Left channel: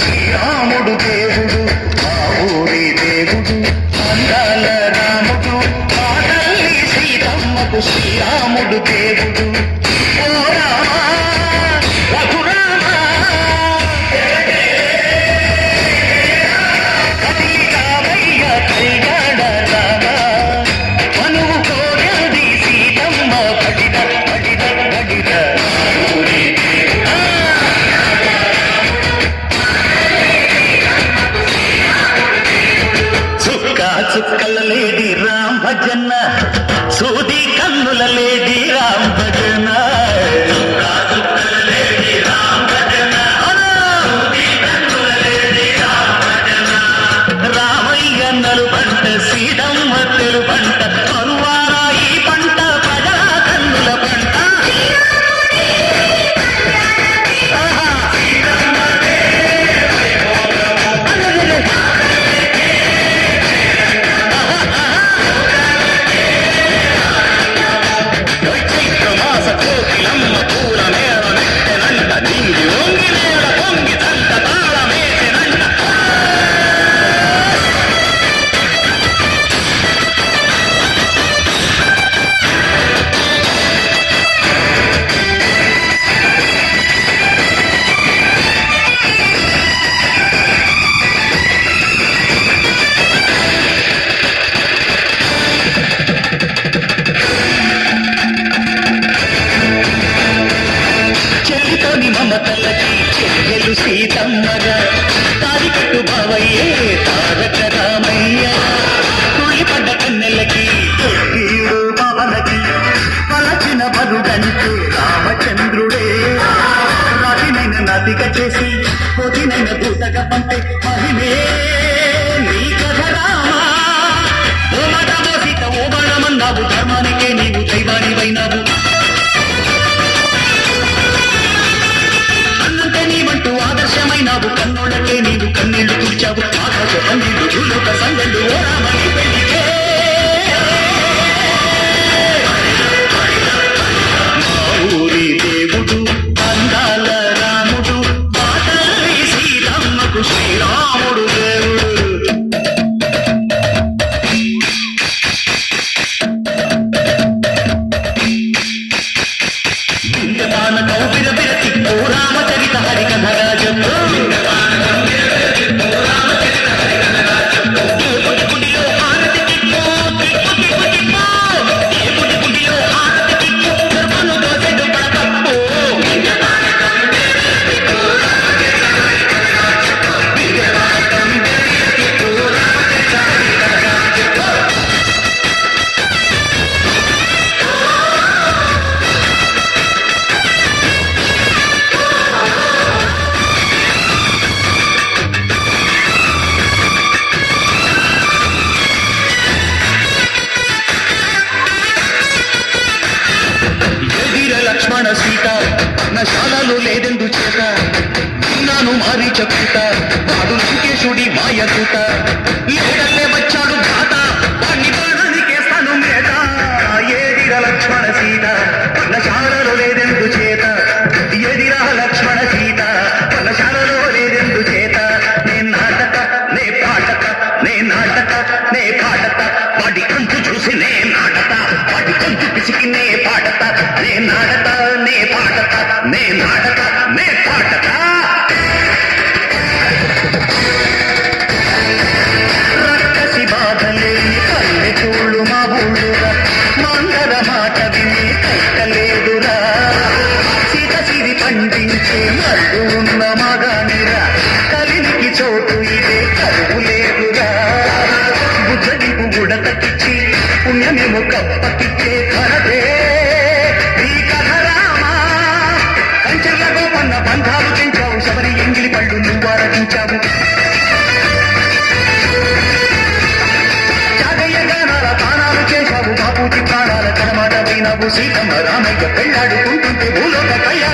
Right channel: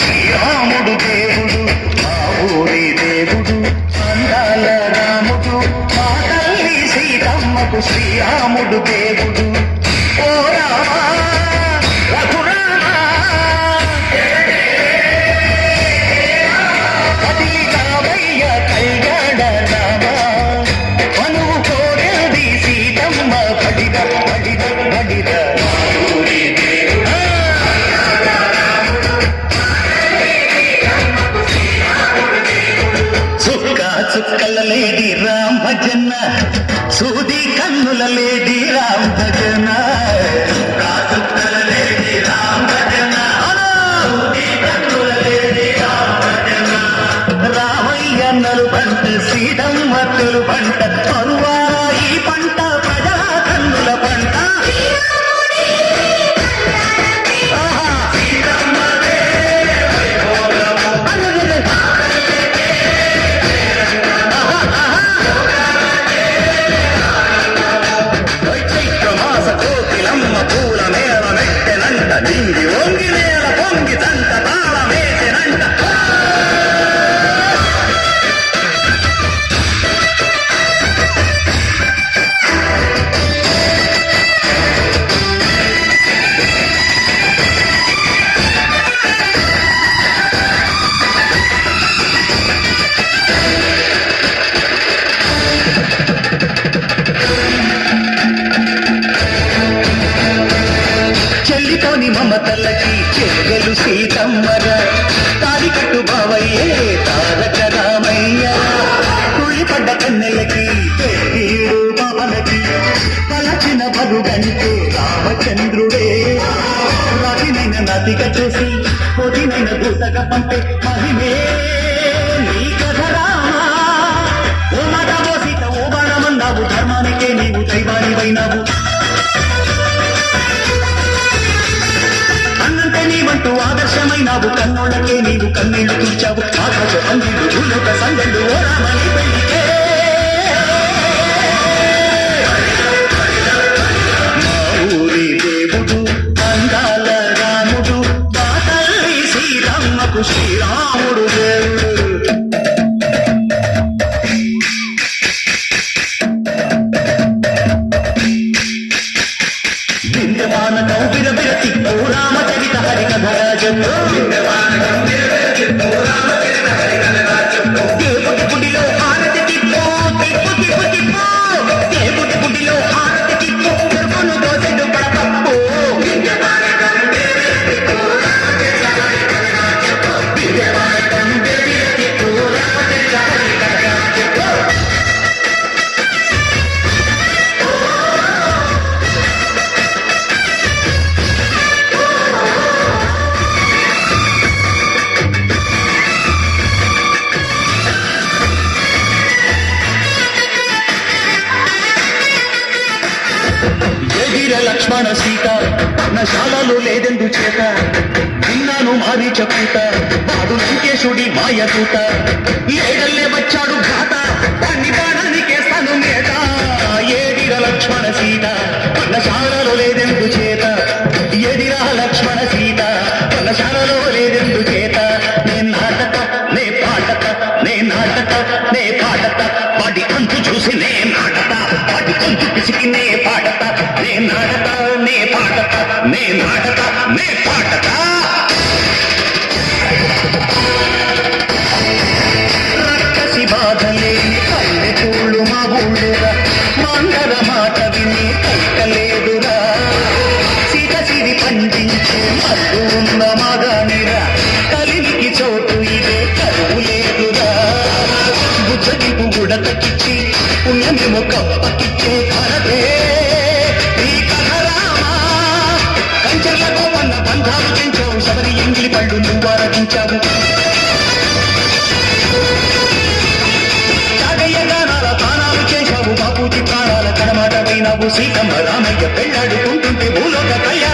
శ్రీరాముడు దేవుడు మా ఊరి దేవుడు అందాల రాముడు మా తల్లి సీతమ్మకు శ్రీరాముడు దేవుడు ఓ రామా రఘురామా కదిలి రామయ్య కైగాడ రామా మనువు కోరది సీతమ్మ బడిద బడిద బడిద చుక్కల లేడి రామ్ భజన సూది కన్నుల లేడి రామ్ భజన రామయ్య నలుబంట శ్రీడమ్మ తెరుబంట పరువారా ఈ పంట పదల కన్నుల పంట మమతలకి చెయ్యలు సీతమ్మగా తాడికట్టు బావయ్యే తారక రామయ్య తుళ్ళిపడ్డ కన్నెలకి ఈడు బాలకి పలచిన బరుగంటే రామచంద్రుడే రాతినైన నాతిగా చేసి పోతినైన దూతగా పంపే మహిమే నీ కథ రామా ఓ మాట ఓ సీత ఓ బాణమన్నావు ధర్మానికే నీవు దైవానివైనావు నీవంటూ ఆదర్శమైనావు కన్నోళ్ళకే నీవు కన్నీళ్లు తుడిచావు ఆకాశ పండిళ్ళు భూలోక సంగళ్ళు ఓ రామని పెళ్లికే మా ఊరి దేవుడు అందాల రాముడు మా తల్లి శ్రీరామకు శ్రీరాముడు దేవుడు రామచరిత హరికథరాజం గుడిలో హారతి తిప్పు తిప్పు తిప్పు తిప్పు గుడిలో హారతి తిప్పు గర్భను దోసెడు కడపప్పు ఎదిర లక్ష్మణ సీత నశాలలో లేదెందు చేత విన్నాను మారి చెప్పుత వాడు లంకేశుడి మాయకూత ఏడల్లే వచ్చాడు ఘాత దాన్ని దానానికేస్తాను మేత ఏదిర లక్ష్మణ సీత నశాలలో లేదెందు చేత ఎదిర లక్ష్మణ సీత నశాలలో లేదెందు చేత నే నాటక నే పాటక నే నాటక నే పాటక వాడి అంతు చూసి నే నాటక వాడి అంతు పిసికి నే పాటక నే నాటక నే పాటక నే నాటక నే పాటక రక్కసి బాధలేని పల్లెటూళ్ళు మా ఊళ్ళురా మా బంధాలు పెంచావు శబరి ఎంగిలి పళ్ళు నువ్వు ఆరగించావు జాగయ్య గానాల తానాలు చేశావు బాపూజీ ప్రాణాల కడమాట వైనావు సీతమ్మ రామయ్య పెళ్ళాడుకుంటుంటే భూలోక కళ్యాణ